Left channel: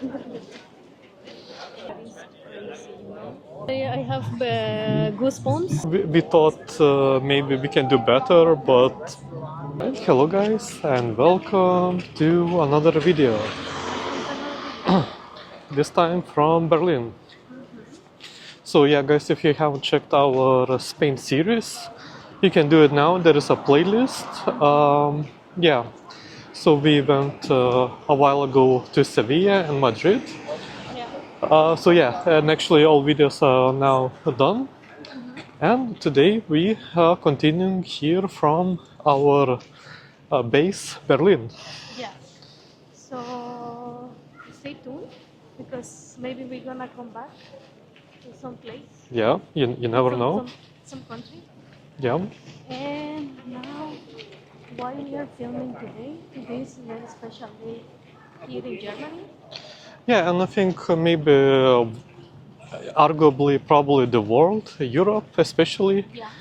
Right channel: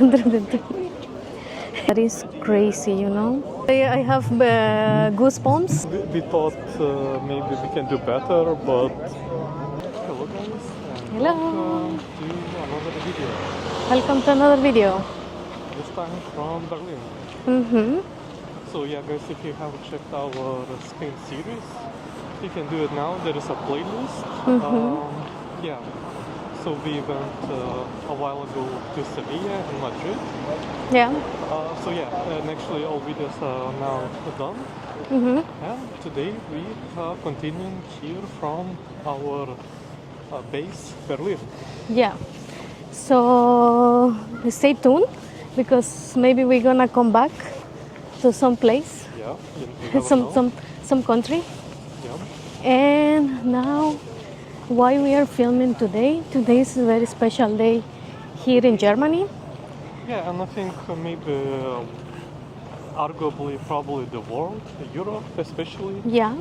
That is crazy, you know. I have goosebumps. We thought maybe we can do better, but... Hello guys, and welcome to another video. Welcome to another video. This time from Berlin. So yeah guys, if you haven't checked our Spain series, you can do it now. There is a playlist. Yeah, so we went a while ago to Sevilla and Madrid. Yeah. So yeah, and actually all videos are now done. And today we are continuing here from our base, Berlin. Yeah. So stay tuned, because maybe we're gonna come back to some place. Yeah, you never know. Some country. Yeah. And now, why we are filming today? Today is a very special day here in Germany. Yeah, and I think maybe arguably probably the world, Europe especially. Yeah.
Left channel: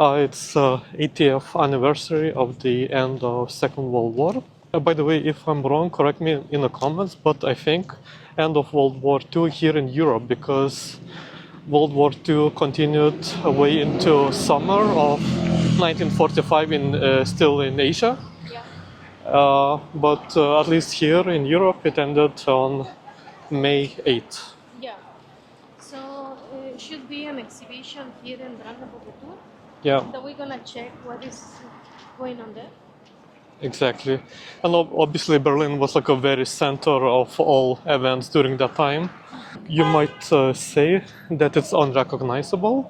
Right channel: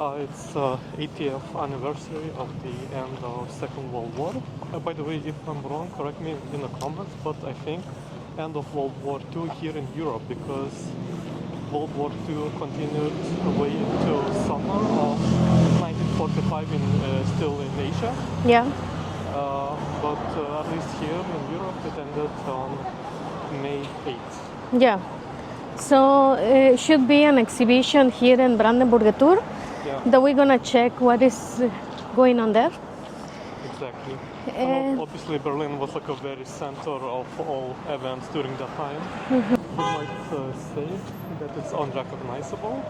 It's 80th anniversary of the end of Second World War. By the way, if I'm wrong, correct me in the comments, but I think end of World War II here in Europe, because World War II continued way into summer of 1945 still in Asia. Yeah. But at least here in Europe it ended on May 8th. Yeah. So it should be an exhibition here in Brandenburg Gate. Yeah. That we're gonna check what is going on there. Exactly. And obviously Berlin was like a very center of all events during that time. You might say that it's unrecognizable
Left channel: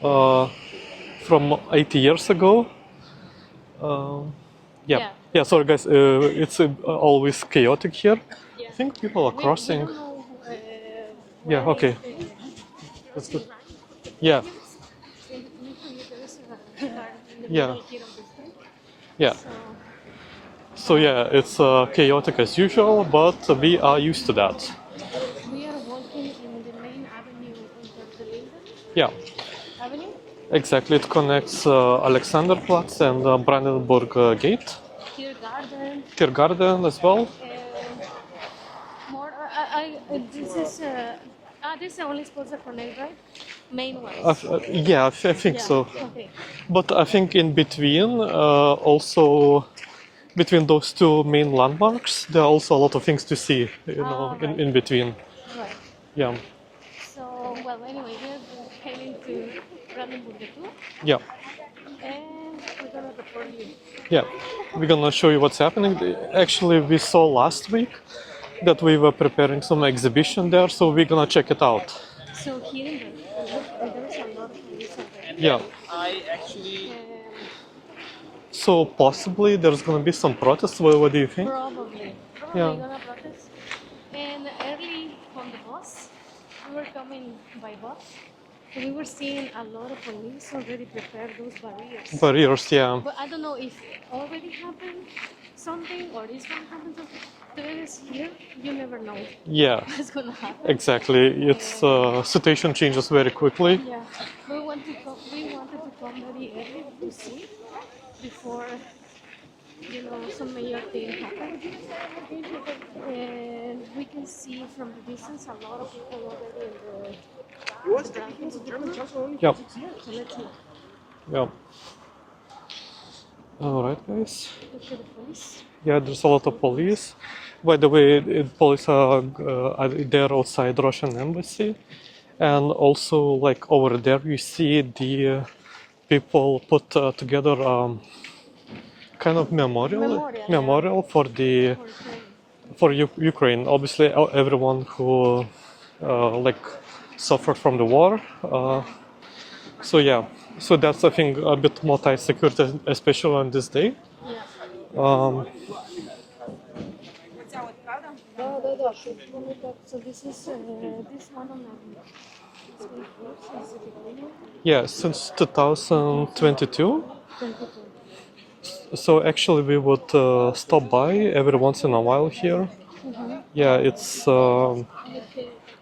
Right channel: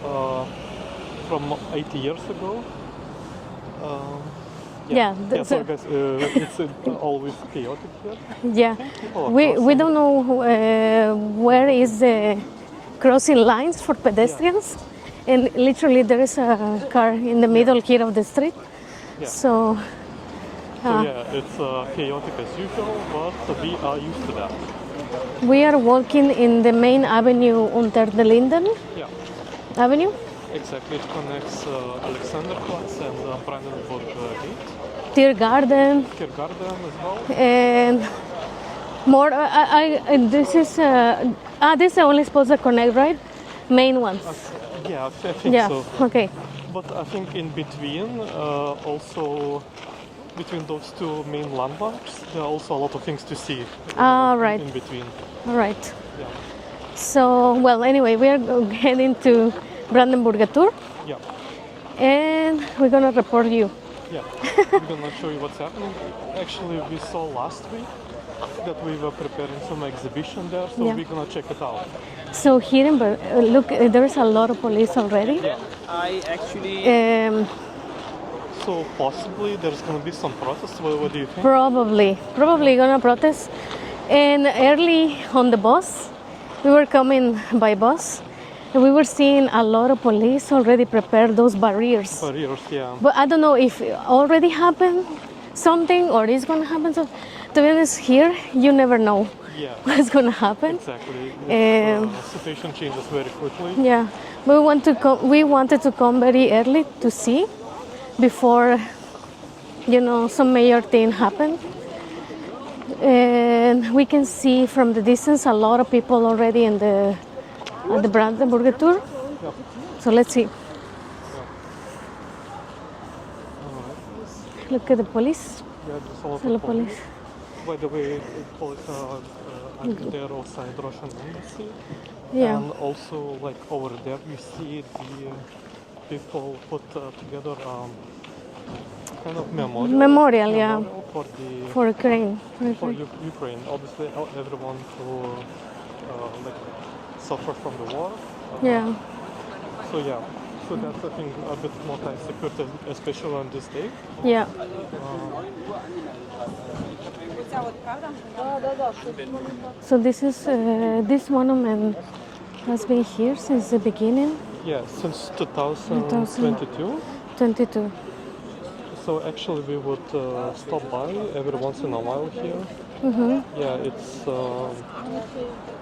from 80 years ago. Sorry guys, it's always chaotic here. Yeah, we don't know where is the crossing lines for pedestrians, and literally there is a car in the middle here of the street. Yeah. So yeah, it's chaotic as usual, but we are used to that. We are walking in the main avenue Unter the Linden. Yeah. Avenue. Exactly, it connects Alexanderplatz and Brandenburg Gate. Tiergarten. Tiergarten as well. And more. This is this is only supposed to connect, right? Main ones. Yeah, I think so. Okay. But I think in between, also between those two main landmarks, there are also a lot of things to see. Right. In between. All right. Yeah. So well, anyway, we are heading to Brandenburg Gate. Yeah. And we're gonna report you. Yeah. We're gonna show you what's happening. Actually, we saw last week that we were preparing some exhibition there, so we're gonna check it out. So here in look, there's a lot of police already. Yeah. So possibly there's gonna be some protests. What do you think? Probably gonna protest. And early on the bus, we were coming by bus, and we were seeing a lot of police already prepare those barriers. Barriers, yeah. But I don't know if it already happened something or it's gonna happen. So to be honest, here you never know what's gonna happen. Exactly. It's situation changes very quickly. Yeah, we wanted to come very early to see before some major thing happened. And we can see from the distance a lot of people already at the Brandenburg Gate. Yeah. So let's see. Yeah. All right, guys. Look at the police. Yeah, there's a lot of police. By the way, police are there outside Russian embassy, and also like over there you see the people put together kind of memorial for Ukraine. For Ukraine. Obviously, everyone who suffered from the war. So that's I think a bit more tight security, especially on this day. Yeah. So this is this monument has been here since the beginning. Yeah, since 2022. 22. So actually we would stop by every once in a while here. Yeah, it's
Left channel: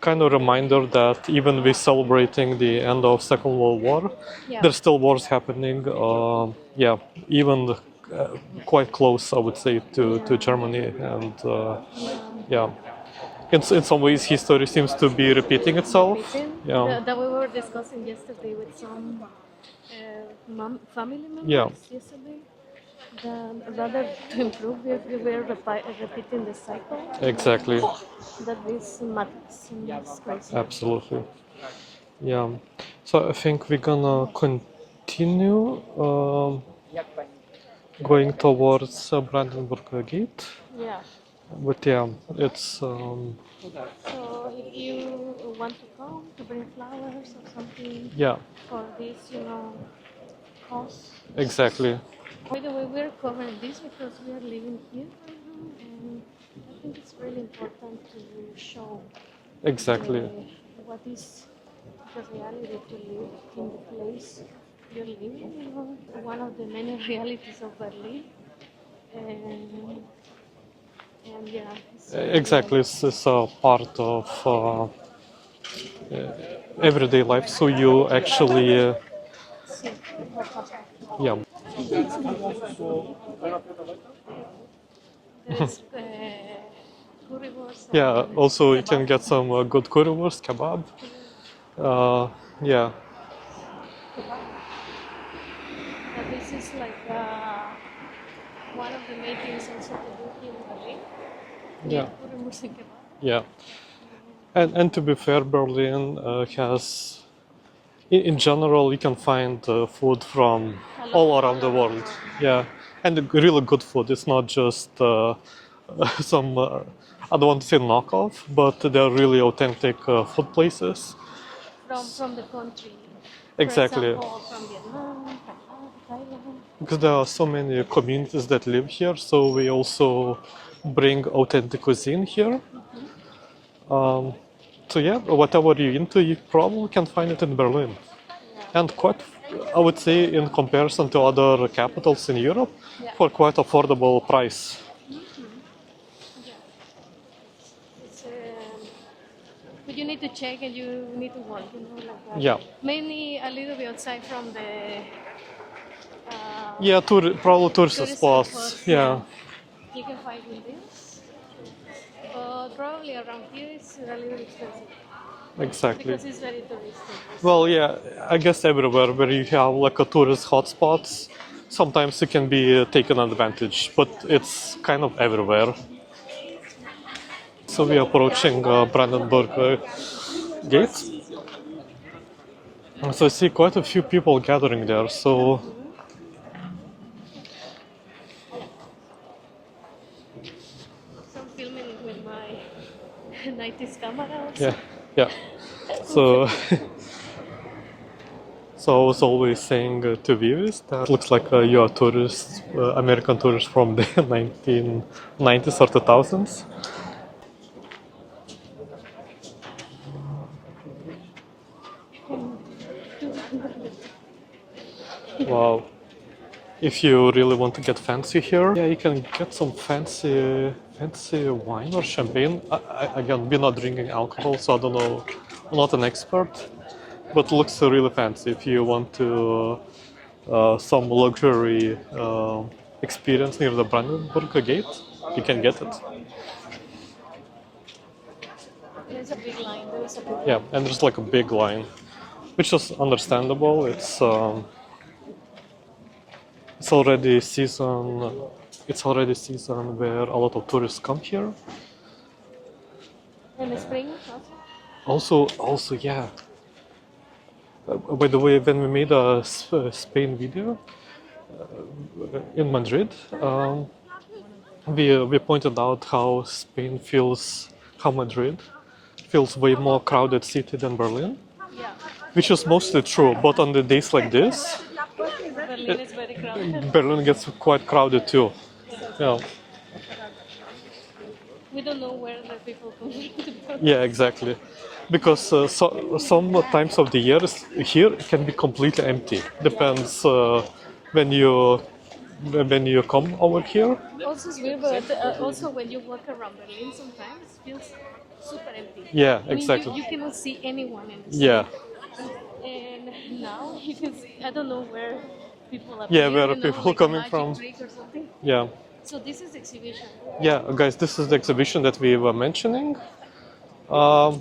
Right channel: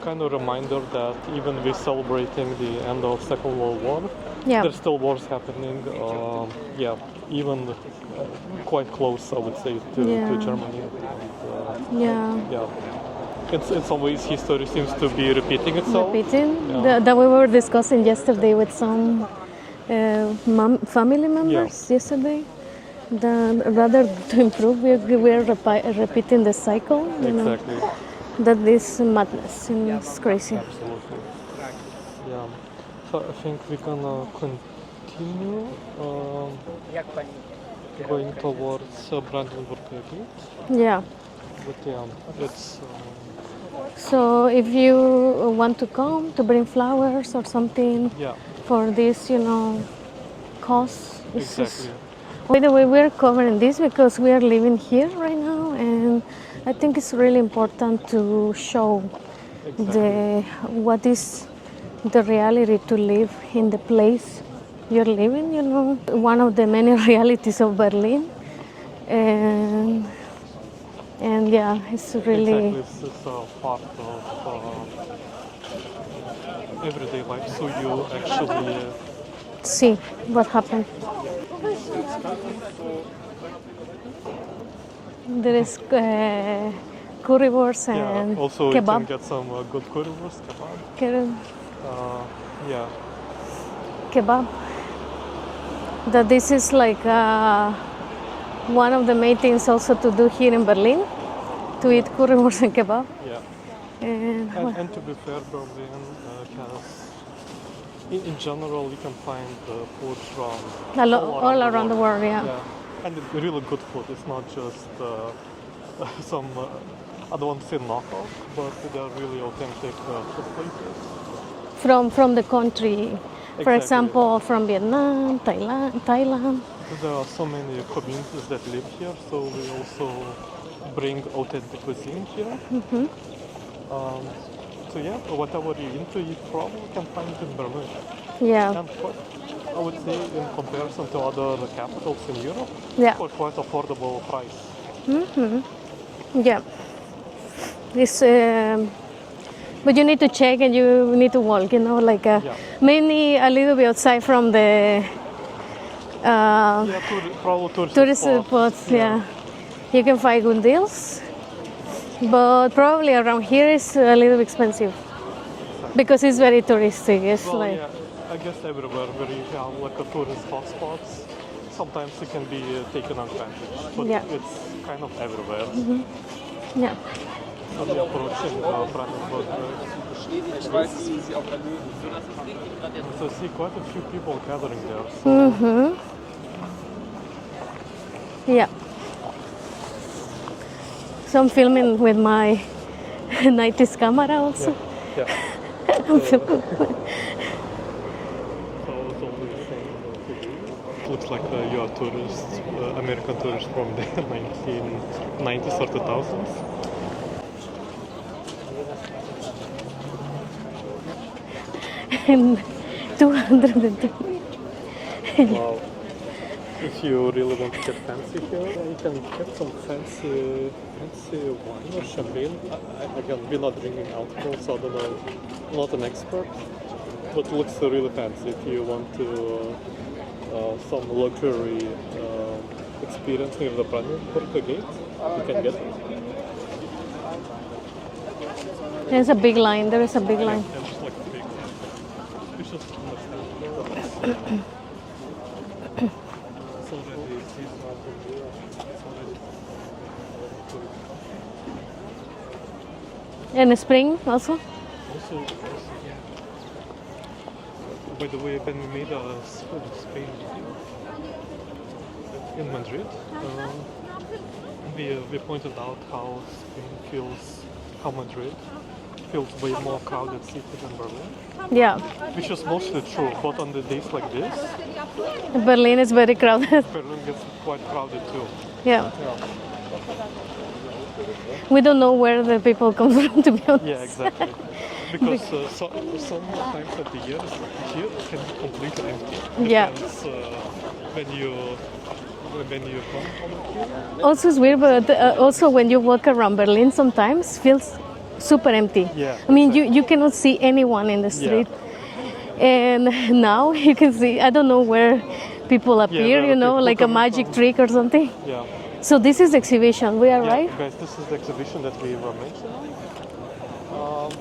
kind of reminder that even we're celebrating the end of Second World War, there's still wars happening. Even quite close, I would say, to Germany, and in some ways history seems to be repeating itself. Yeah. That we were discussing yesterday with some family members yesterday. That rather to improve, we are repeating the cycle. Exactly. That is madness, it's crazy. Absolutely. Yeah. So I think we're gonna continue going towards Brandenburg Gate. Yeah. But yeah, it's. So if you want to come to bring flowers or something for this, cause. Exactly. By the way, we're covering this because we are living here right now, and I think it's really important to show what is the reality to live in the place you're living, one of the many realities of Berlin. And yeah, it's really... Exactly, it's a part of everyday life, so you actually... see what happened. Yeah. There is currywurst and also kebab. You can get some good currywurst, kebab. Kebab. That this is like one of the main things also to do here in Berlin, to eat currywurst and kebab. Yeah. And to be fair, Berlin has, in general, you can find food from all around the world. Yeah. And really good food. It's not just some, I don't want to say knockoff, but they're really authentic food places. From the country. Exactly. For example, from Vietnam, Thailand. Because there are so many communities that live here, so we also bring authentic cuisine here. Mm-hmm. So yeah, whatever you're into, you probably can find it in Berlin. Yeah. And quite, I would say, in comparison to other capitals in Europe, for quite affordable price. Mm-hmm. Yeah. This, but you need to check and you need to walk, mainly a little bit outside from the... probably tourist spots. Yeah. You can find good deals, but probably around here is a little expensive. Exactly. Because it's very touristic. I guess everywhere where you have like a tourist hotspots, sometimes it can be taken advantage, but it's kind of everywhere. Mm-hmm. Yeah. So we are approaching Brandenburg Gate. So I see quite a few people gathering there. So. Mm-hmm. Yeah. So I'm filming with my 90s camera also. Yeah. So I was always saying to viewers that it looks like you are tourists, American tourists from the 1990s or 2000s. And 202. Wow. If you really want to get fancy here, you can get some fancy wine or champagne. Again, we're not drinking alcohol, so I don't know. I'm not an expert, but it looks really fancy. If you want to some luxury experience near the Brandenburg Gate, you can get it. There's a big line. There is a big line. Yeah, and there's like a big line, which is understandable. It's already season. It's already season where a lot of tourists come here. And spring also. Also, yeah. By the way, when we made a Spain video in Madrid, we pointed out how Madrid feels way more crowded city than Berlin. Yeah. Which is mostly true, but on the days like this, Berlin is very crowded. Berlin gets quite crowded too. Yeah. We don't know where the people come from, to be honest. Yeah, exactly. Because some times of the year here can be completely empty. Depends when you come over here. Also, it's weird, but also when you walk around Berlin, sometimes feels super empty. Yeah, I mean, you cannot see anyone in the street. Yeah. And now you can see, I don't know where people appear, like a magic trick or something. Yeah. So this is the exhibition, we are right? Yeah, guys, this is the exhibition that we were mentioning. Um,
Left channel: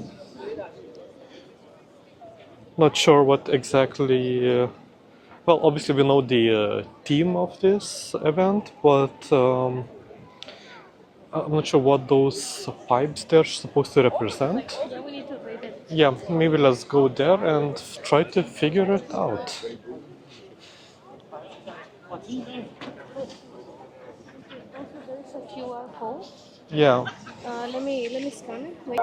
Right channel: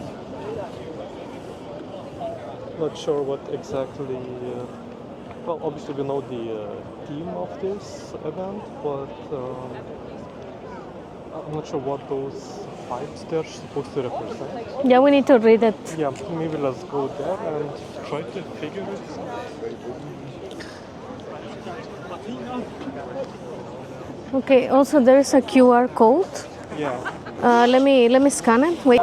Not sure what exactly. Well, obviously we know the theme of this event, but I'm not sure what those pipes they're supposed to represent. Yeah, we need to read it. Yeah, maybe let's go there and try to figure it out. Okay. Also, there is a QR code. Yeah, Let me scan it. Wait.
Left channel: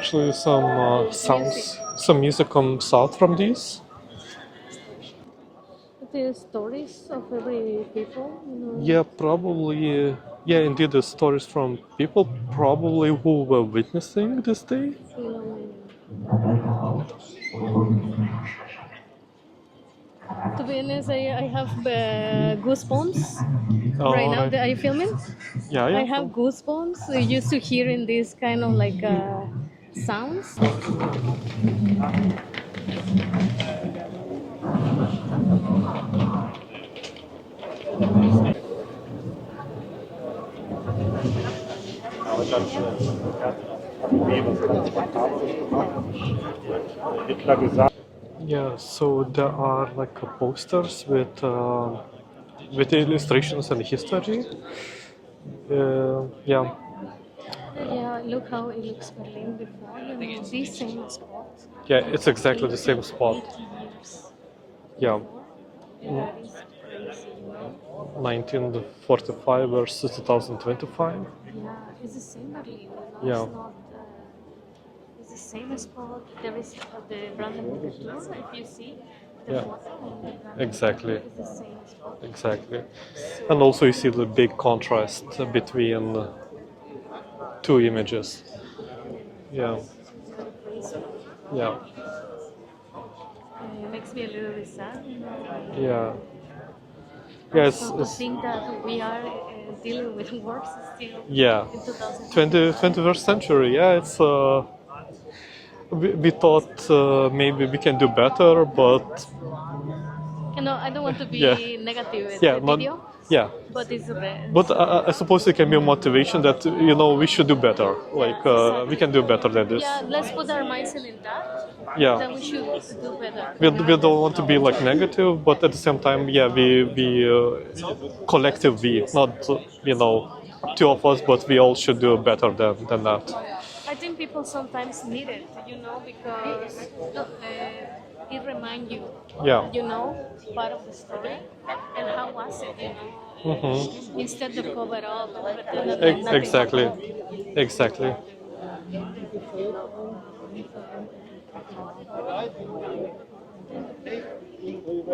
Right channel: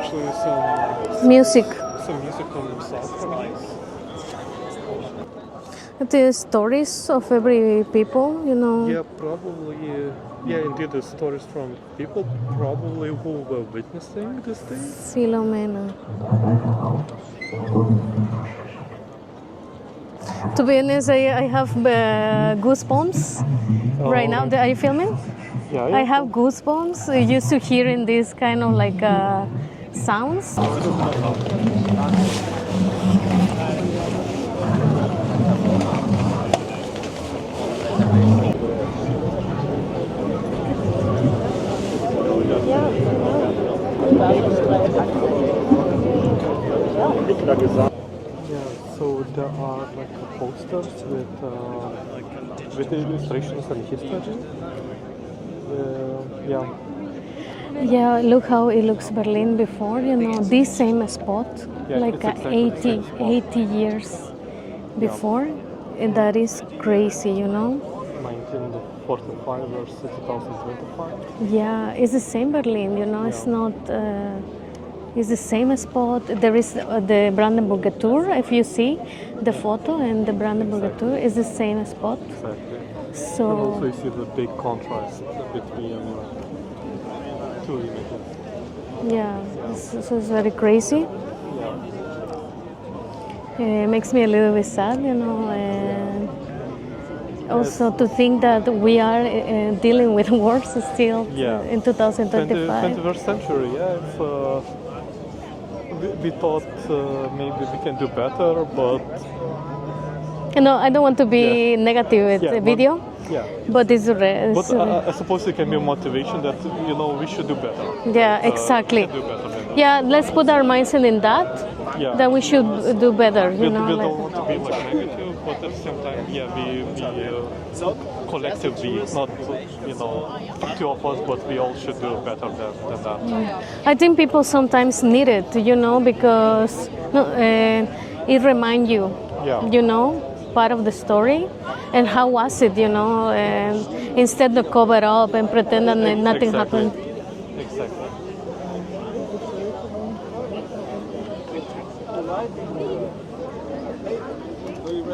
actually some Music. some music comes out from these. The stories of every people, you know. Yeah, probably. Yeah, indeed, the stories from people probably who were witnessing this thing. Philomena. To be honest, I have goosebumps right now. Right. Are you filming? Yeah, I have goosebumps used to hearing this kind of like sounds. Yeah, so there are like posters with illustrations and history. Yeah, Yeah, look how it looks Berlin before, you know, this same spot. Yeah, like it's exactly the same spot. 80 years Yeah. before. And that is crazy, you know. 1945 versus 2025. Yeah, it's the same Berlin, you know, it's Yeah. not, it's the same spot. There is the Brandenburg Gate, if you see the Yeah. photo, and the Brandenburg Exactly. Gate is the same spot. Exactly. So, And also you see the big contrast between the two images. yeah, Yeah. This is very crazy. Yeah. It makes me a little bit sad, you know. And Yes, also to it's- think that we are dealing with wars still Yeah. in 2025. 21st century, yeah, it's we thought maybe we can do better, but You know, I don't want to be Yeah. negative with yeah, the but- video, yeah. but it's But I suppose it can be a motivation that we should do better. Yeah, exactly. We can do better than this. yeah, let's put our minds in that. Yeah. That we should do better. We, You know? we don't want to be like negative, but at the same time, yeah, we collectively, not two of us, but we all should do better than that. I think people sometimes need it, you know, because it reminds you, Yeah. you know, part of the story, and how was it, you know, and instead of cover up and pretend that nothing Exactly. happened. Exactly.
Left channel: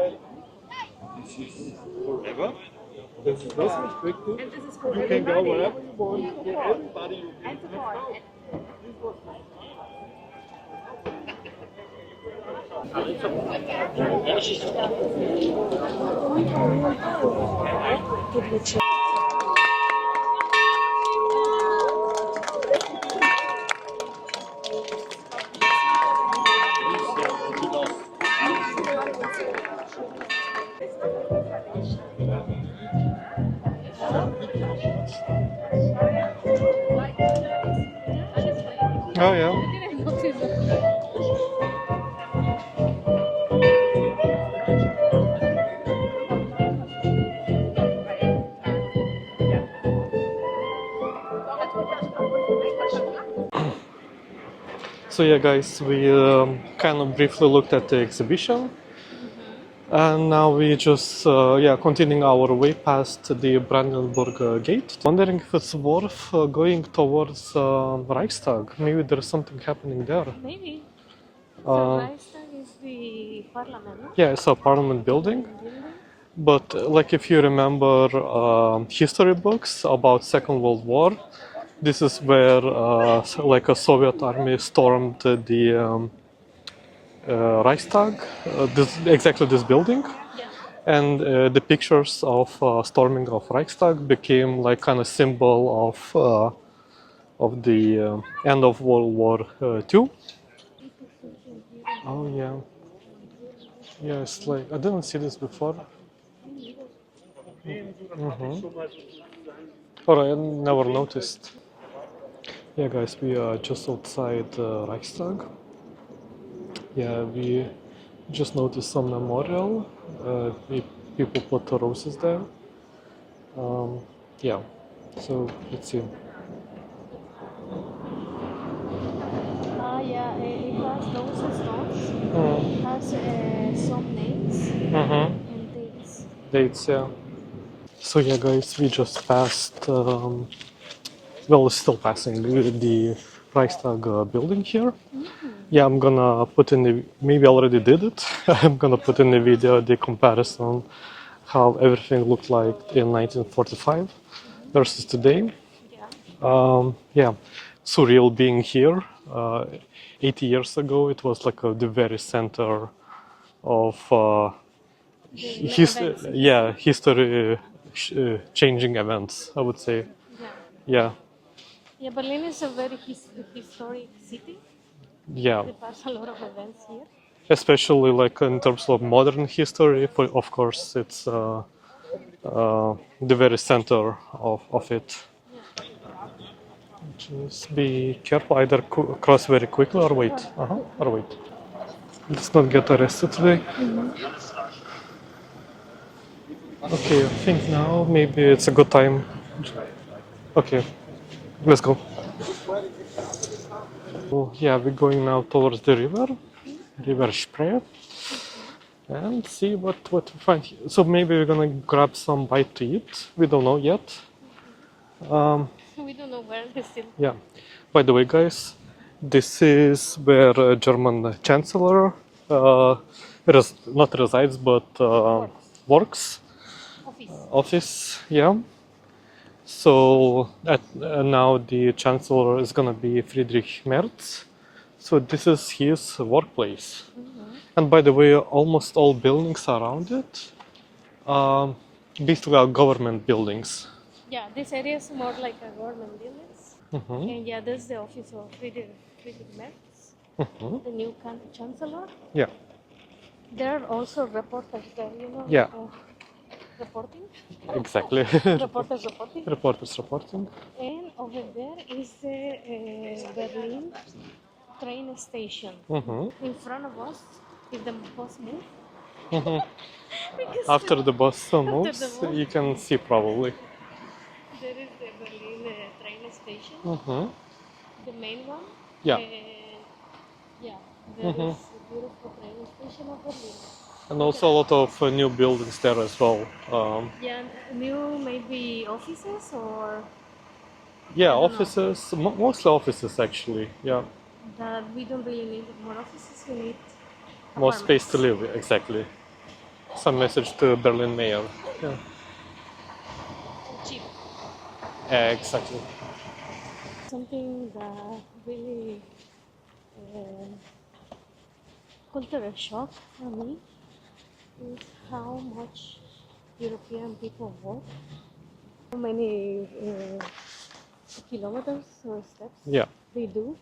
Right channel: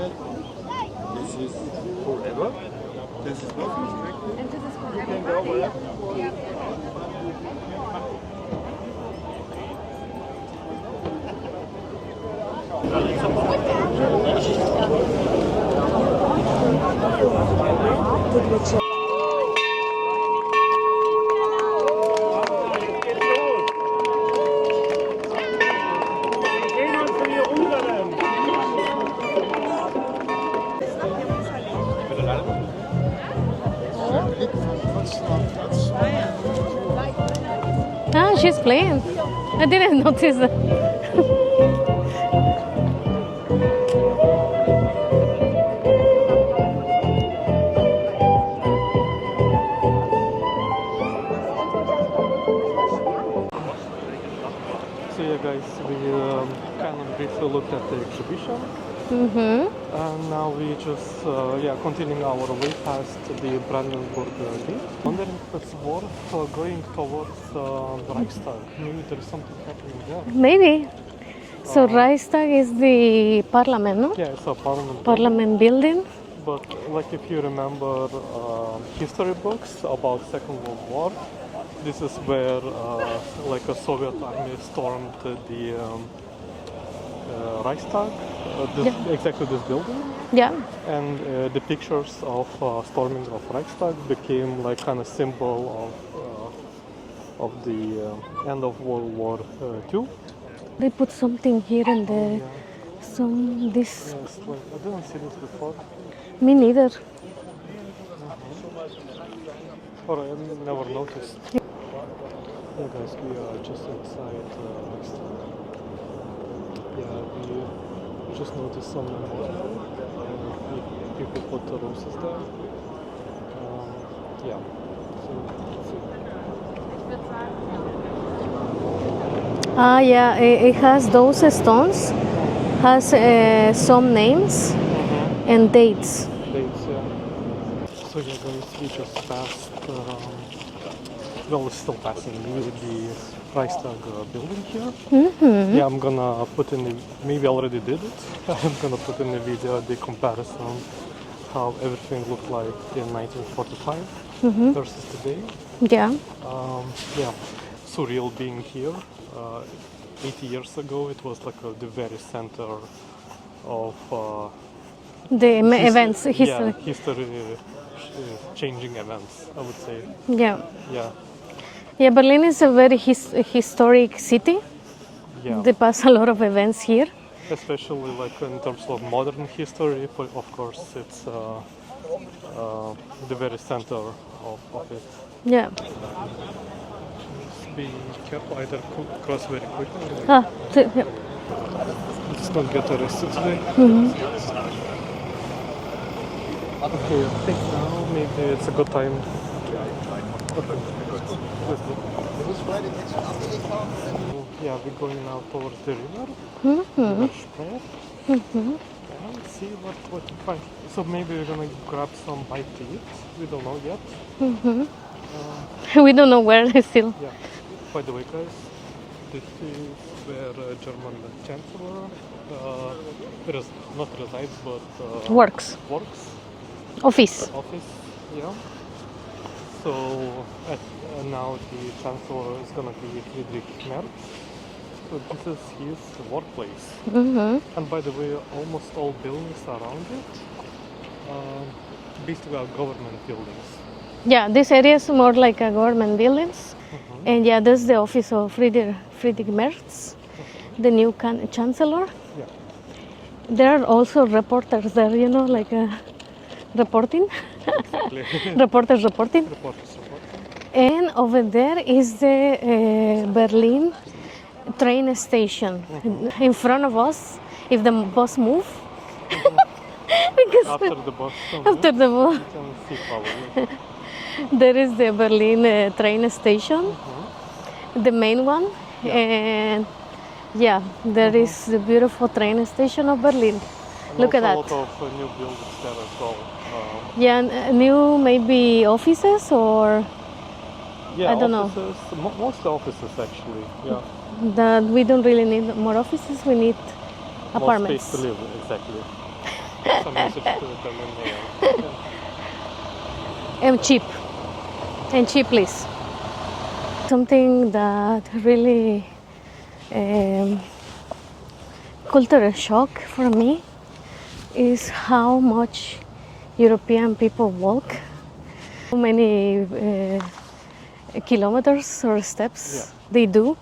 This is forever. This is nothing strictly. You can go wherever. Ah, she's playing. Oh yeah. I didn't notice that. So yeah, guys, we kind of briefly looked at the exhibition, and now we just continuing our way past the Brandenburg Gate. Wondering if it's worth going towards Reichstag. Maybe there's something happening there. Maybe. So Reichstag is the parliament, no? Yeah, it's a parliament building. Parliament building. But like if you remember history books about Second World War, this is where like a Soviet army stormed the Reichstag, exactly this building, Yeah. and the pictures of storming of Reichstag became like kind of symbol of the end of World War II. They put something here and there. Yeah, Some this. yes, like I didn't see this before. Me neither. Or I never noticed. Yeah, guys, we are just outside Reichstag. Yeah, we just noticed some memorial. People put the roses there. Yeah, so let's see. Ah, yeah, it has those stones, has some names and dates. Dates, yeah. So yeah, guys, we just passed. Well, still passing the Reichstag building here. Yeah, I'm gonna put in the. Maybe I already did it. I'm gonna put in the video the comparison how everything looked like in 1945 versus today. Yeah. Yeah, surreal being here. 80 years ago, it was like the very center of The events. yeah, history changing events, I would say. Yeah. Yeah, Yeah, Berlin is a very historic city. yeah. They pass a lot of events here. Especially like in terms of modern history, of course, it's the very center of it. Yeah. Just be careful, either cross very quickly or wait. Yeah. Or wait. Let's not get arrested today. Okay, I think now maybe it's a good time. Okay, let's go. Oh, yeah, we're going now towards the river, River Spree. And see what we find here. So maybe we're gonna grab some bite to eat. We don't know yet. We don't know where still. Yeah. By the way, guys, this is where German Chancellor not resides, but works. Office. Yeah. So now the Chancellor is gonna be Friedrich Merz. So this is his workplace. And by the way, almost all buildings around it, basically are government buildings. Yeah, this area is more like a government buildings. And yeah, this is the office of Friedrich Merz, the new Chancellor. Yeah. There are also reporters there, you know, like reporting. Exactly. Reporters reporting. Reporters reporting. And over there is the Berlin train station. In front of us, if the bus moves. Because After the bus moves, you can see probably. there is the Berlin train station, the main one. Yeah. And yeah, there is the beautiful train station of Berlin. And Look also at that. a lot of new buildings there as well. Yeah, new maybe offices or Yeah, I don't know. offices, mostly offices actually. Yeah, that we don't really need more offices. We need more apartments. space to live. Exactly. Some message to Berlin mayor. And cheap. And cheap, please. Something that really cultural shock for me is how much European people walk. How many kilometers or steps they do.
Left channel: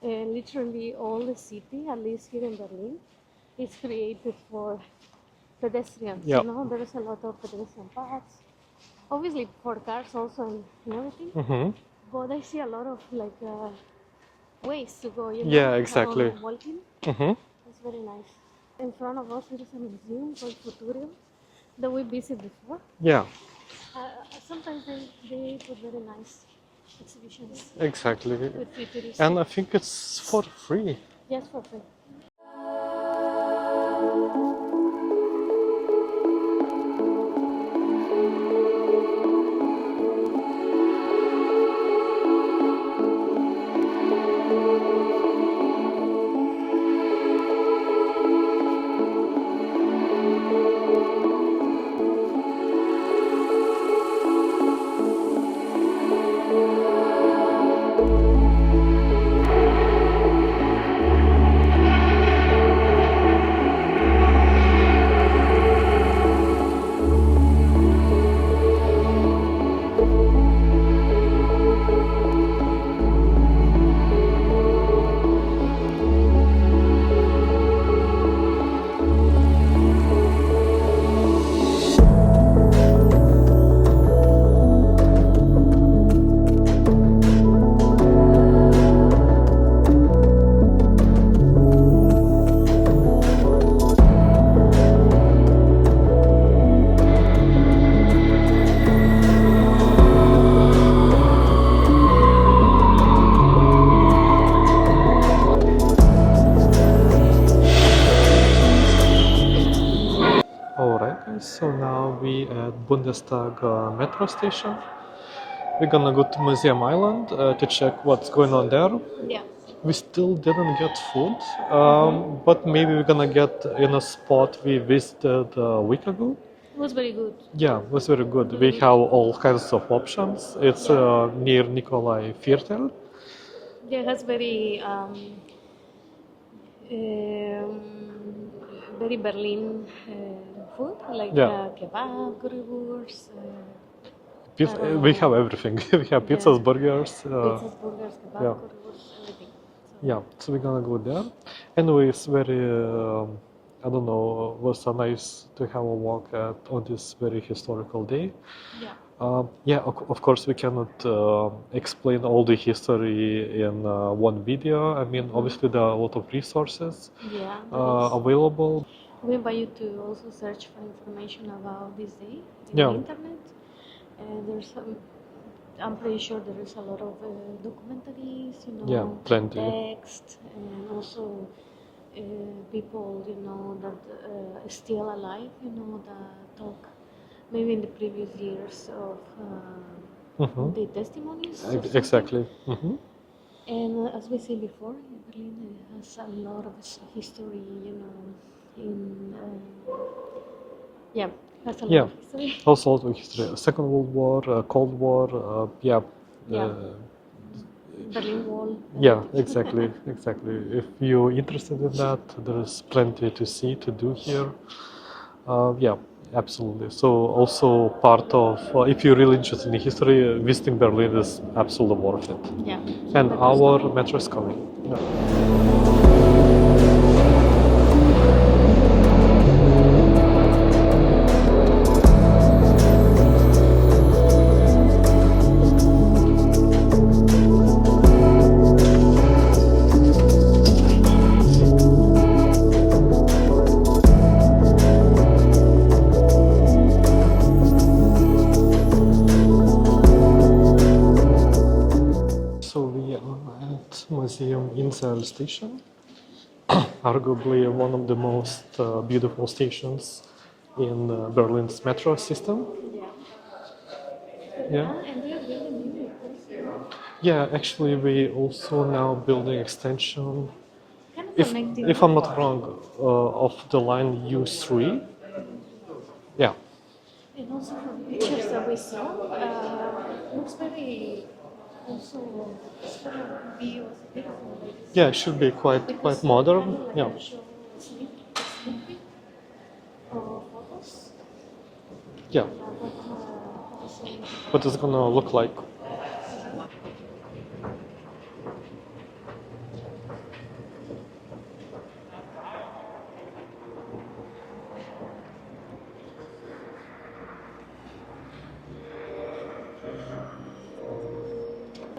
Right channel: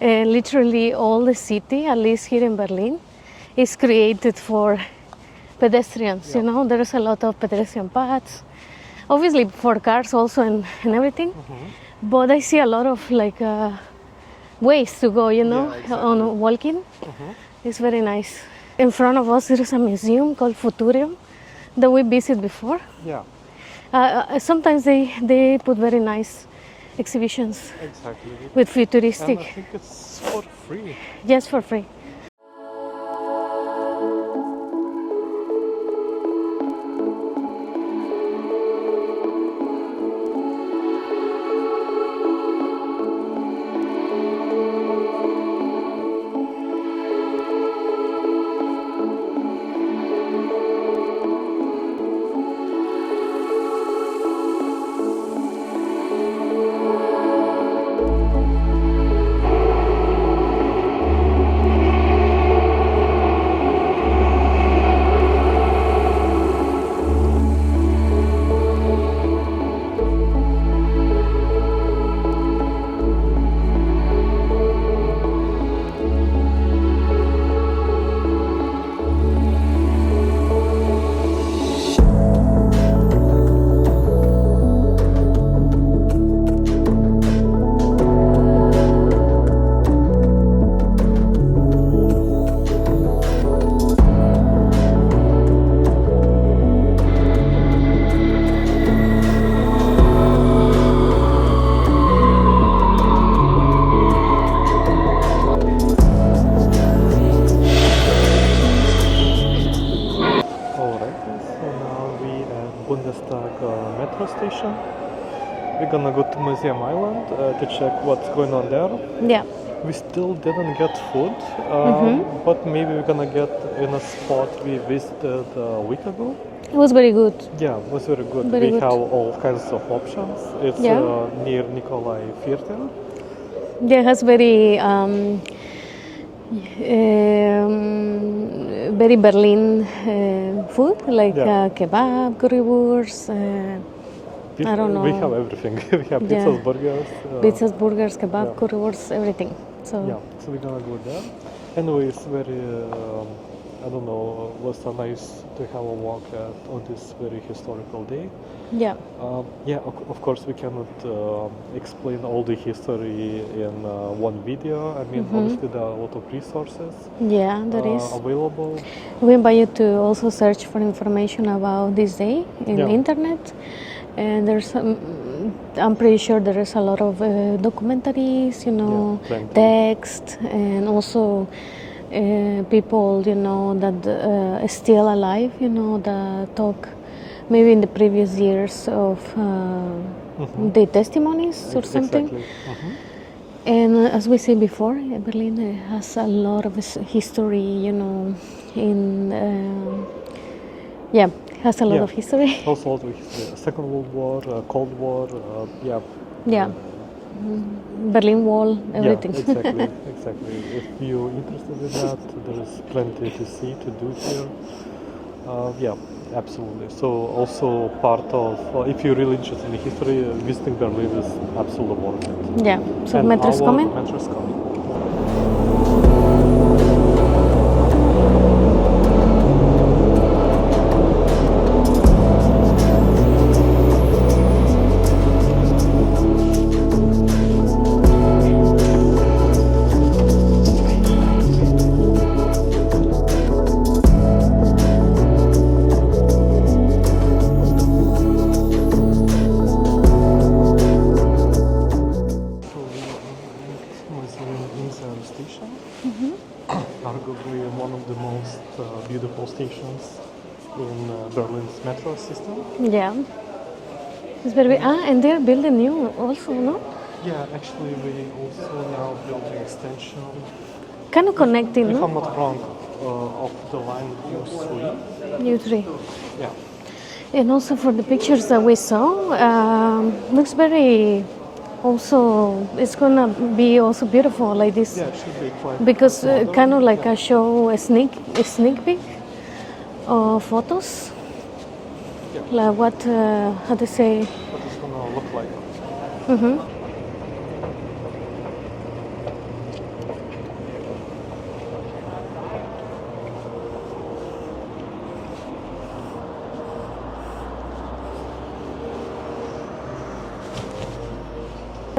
Literally all the city, at least here in Berlin, is created for pedestrians. You know, there's a lot of pedestrian paths. Obviously for cars also and everything. But I see a lot of like ways to go, you know, on walking. It's very nice. In front of us there is a museum called Futurium that we visited before. Yeah. Sometimes they put very nice exhibitions. Exactly. With futuristic. And I think it's for free. Yes, for free. metro station. We're gonna go to Museum Island to check what's going on there. Yeah. We still didn't get food, but maybe we're gonna get in a spot we visited a week ago. It was very good. Yeah, it was very good. Very we good. have all kinds of options. It's near Nikolaiviertel. Yeah, it has very Berlin food, like kebab, currywurst. I don't know. We have everything. We have pizzas, burgers. Pizzas, burgers, kebab, currywurst, everything. So yeah, so we're gonna go there. Anyway, it's very, I don't know, it was so nice to have a walk on this very historical day. Yeah. Of course, we cannot explain all the history in one video. I mean, obviously there are a lot of resources available. We invite you to also search for information about this day in the internet. And there's, I'm pretty sure there is a lot of documentaries, text, and also people, that are still alive, that talk maybe in the previous years of the testimonies or something. Exactly. And as we said before, Berlin has a lot of history, has a lot of history. Also, a lot of history. Second World War, Cold War, Berlin Wall, everything. Yeah, exactly. If you're interested in that, there's plenty to see, to do here. Absolutely. So also part of, if you're really interested in history, visiting Berlin is absolutely worth it. Yeah, so and metro's our coming? metro's coming. Station, arguably one of the most beautiful stations in Berlin's metro system. Yeah, it's very and they're building new also, no? Yeah, actually we also now building extension. Kind of connecting. If I'm not wrong, of the line U3. U3. Yeah. And also for the pictures that we saw, looks very. Also, it's gonna be also beautiful like this. Yeah, it should be quite because quite modern. Kind of like a show a sneak peek of photos. Yeah. Like what how to say? What it's gonna look like.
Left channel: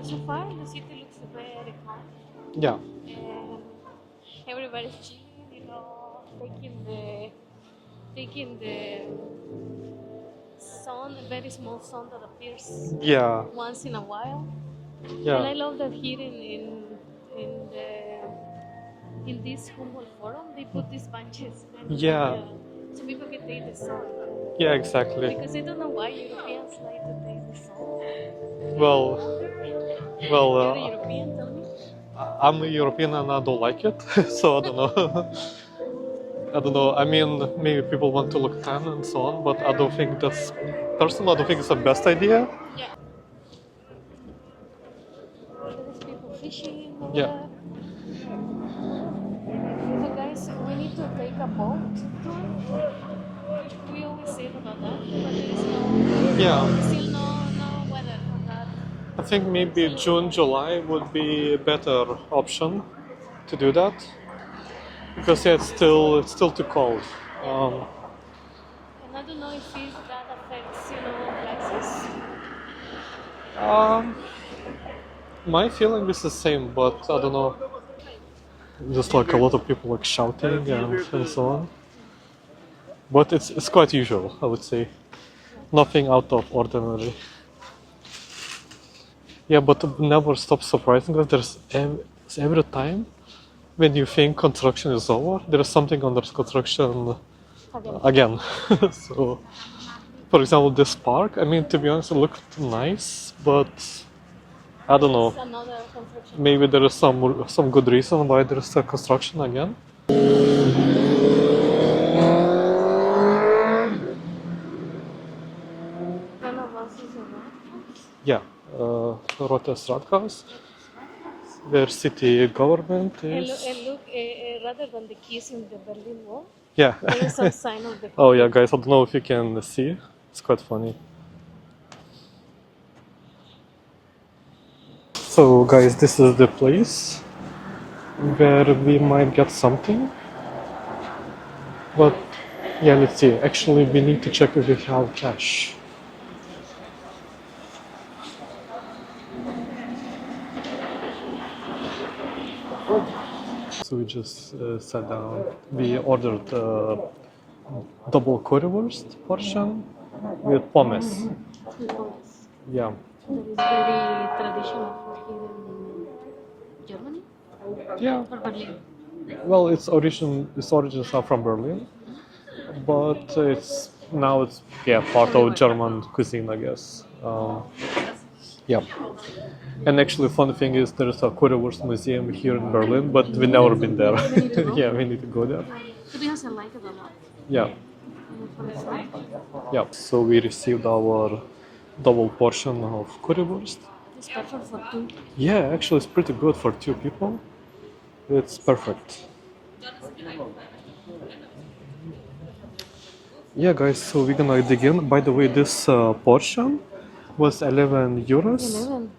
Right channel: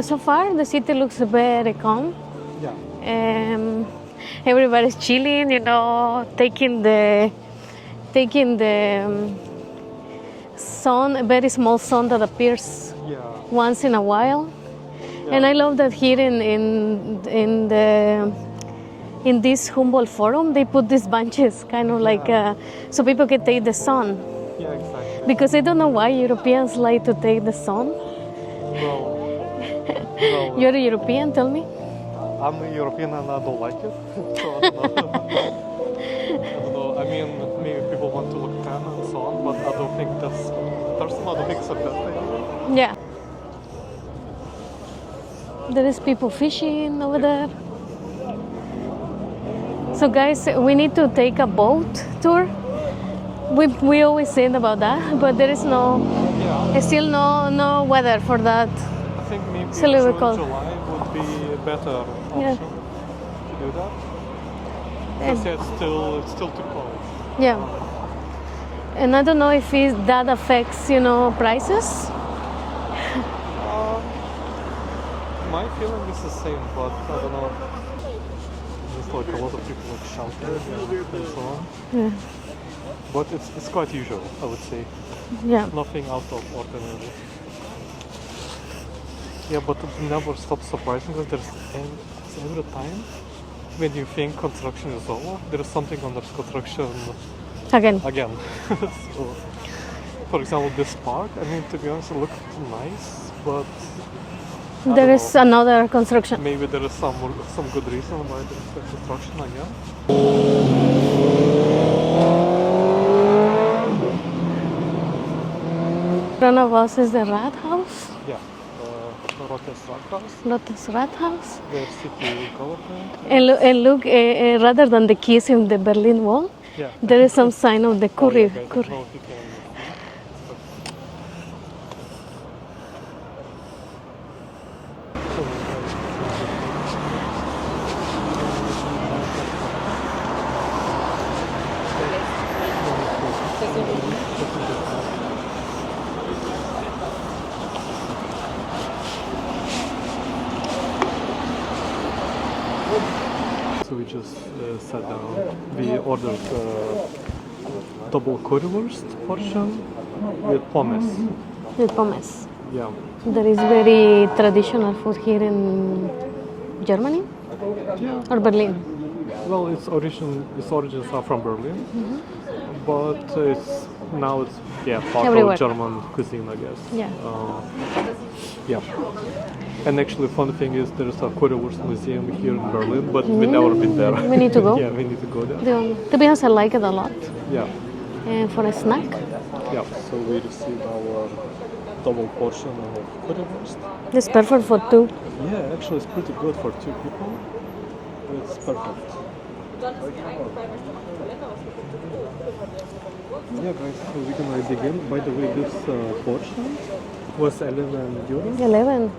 So far, the city looks very calm. Yeah. Everybody's chilling, taking the sun, a very small sun that appears once in a while. Yeah. And I love that here in this Humboldt Forum, they put these benches, kind of like so people can take the sun. Yeah, exactly. Because I don't know why Europeans like to take the sun. Well, you're a European, tell me. I'm a European and I don't like it, so I don't know. I don't know. I mean, maybe people want to look tan and so on, but I don't think personally, I don't think it's the best idea. Yeah. There is people fishing over there. So guys, we need to take a boat tour. We always said about that, but there is still no weather for that. I think maybe June, July would be a better option to do that. Because it's still too cold. Yeah. And I don't know if that affects, prices. My feeling is the same, but I don't know. Just like a lot of people like shouting and so on. Yeah. But it's quite usual, I would say. Yeah. Nothing out of ordinary. Yeah, but it never stops surprising that there's every time when you think construction is over, there is something under construction again. So For example, this park, I mean, to be honest, it looked nice, but I There don't is know. another construction. Maybe there is some good reason why there is a construction again. In front of us is the Rathaus, Yeah, Rotes Rathaus, Lotus Rathaus. where city government And look, rather than the keys in the Berlin Wall, yeah. there is some sign of the Oh yeah, courier. guys, I don't know if you can see. It's quite funny. So guys, this is the place where we might get something. But yeah, let's see. Actually, we need to check if we have cash. So we just sat down. We ordered double currywurst portion with pommes. With pommes. Yeah. There is very traditional food here in Germany Yeah. or Berlin. Well, its origins are from Berlin, but it's part Everywhere. of German cuisine, I guess. Yeah. Yeah. And actually, fun thing is there is a currywurst museum here in Berlin, but we never been there. We need to go. Yeah, we need to go there. To be honest, I like it a lot. Yeah. And for a snack, Yeah. So we received our double portion of currywurst. it's perfect for two. Yeah, actually, it's pretty good for two people. It's perfect. Yeah, guys, so we're gonna dig in. By the way, this portion was 11 euros. 11.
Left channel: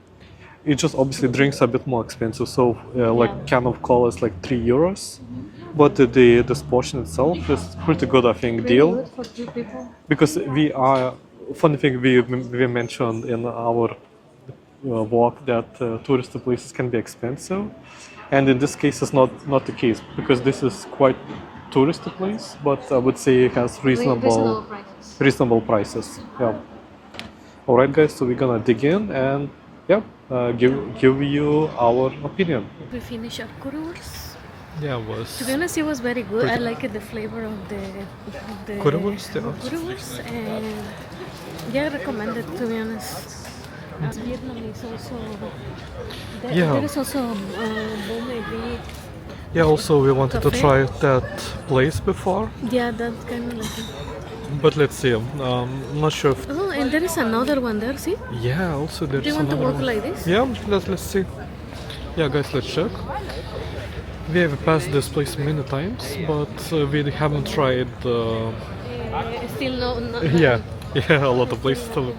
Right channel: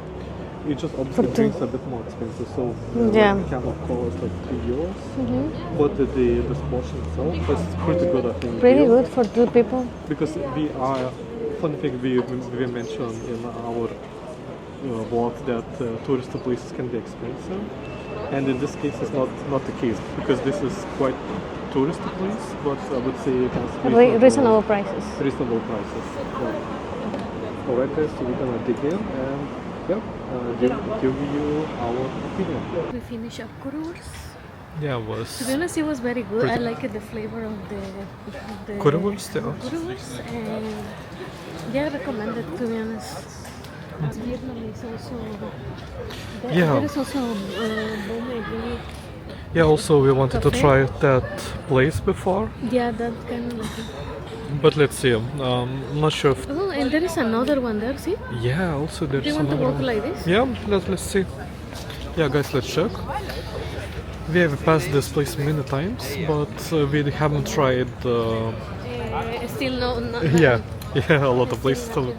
It just obviously drinks a bit more expensive, so Yeah. like can of cola is like 3 euros. But this portion itself is pretty good, I think, Pretty deal. good for two people. Because we are, funny thing we mentioned in our walk that tourist places can be expensive, and in this case it's not the case, because this is quite touristy place, but I would say it has Reasonable prices. reasonable prices. Yeah. All right, guys. So we're gonna dig in and give you our opinion. We finished our currywurst. Yeah, it was. To be honest, it was very good. I Pretty- like the flavor of the Currywurst, yeah. currywurst, and yeah, I recommend it, to be honest. Vietnamese also. Yeah. There is also bone. Yeah. Also, we wanted to Cafe? try that place before, Yeah, that kind of like. but let's see. I'm not sure if. Oh, and there is another one there. See? Yeah. Also, Do there's you want to another walk one. like this? Yeah. Let's see. Yeah, guys. Let's check. We have passed this place many times, but we haven't tried. Still no. Yeah. A lot of places still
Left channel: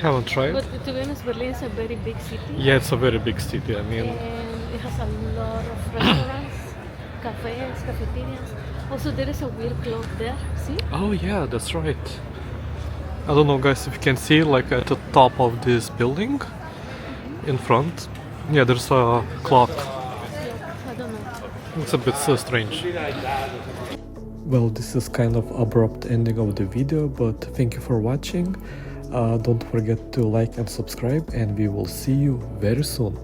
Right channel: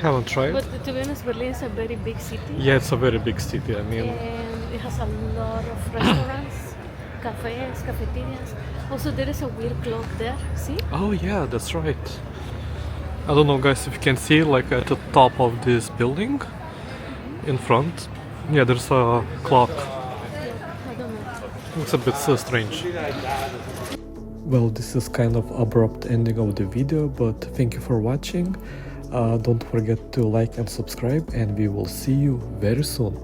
haven't tried. But to be honest, Berlin is a very big city. Yeah, it's a very big city. I mean, And it has a lot of restaurants, cafes, cafeterias. Also, there is a weird clock there. See? oh yeah, that's right. I don't know, guys, if you can see, like at the top of this building, in front, yeah, there's a clock. I don't know. It's a bit strange. Well, this is kind of abrupt ending of the video, but thank you for watching. Don't forget to like and subscribe, and we will see you very soon.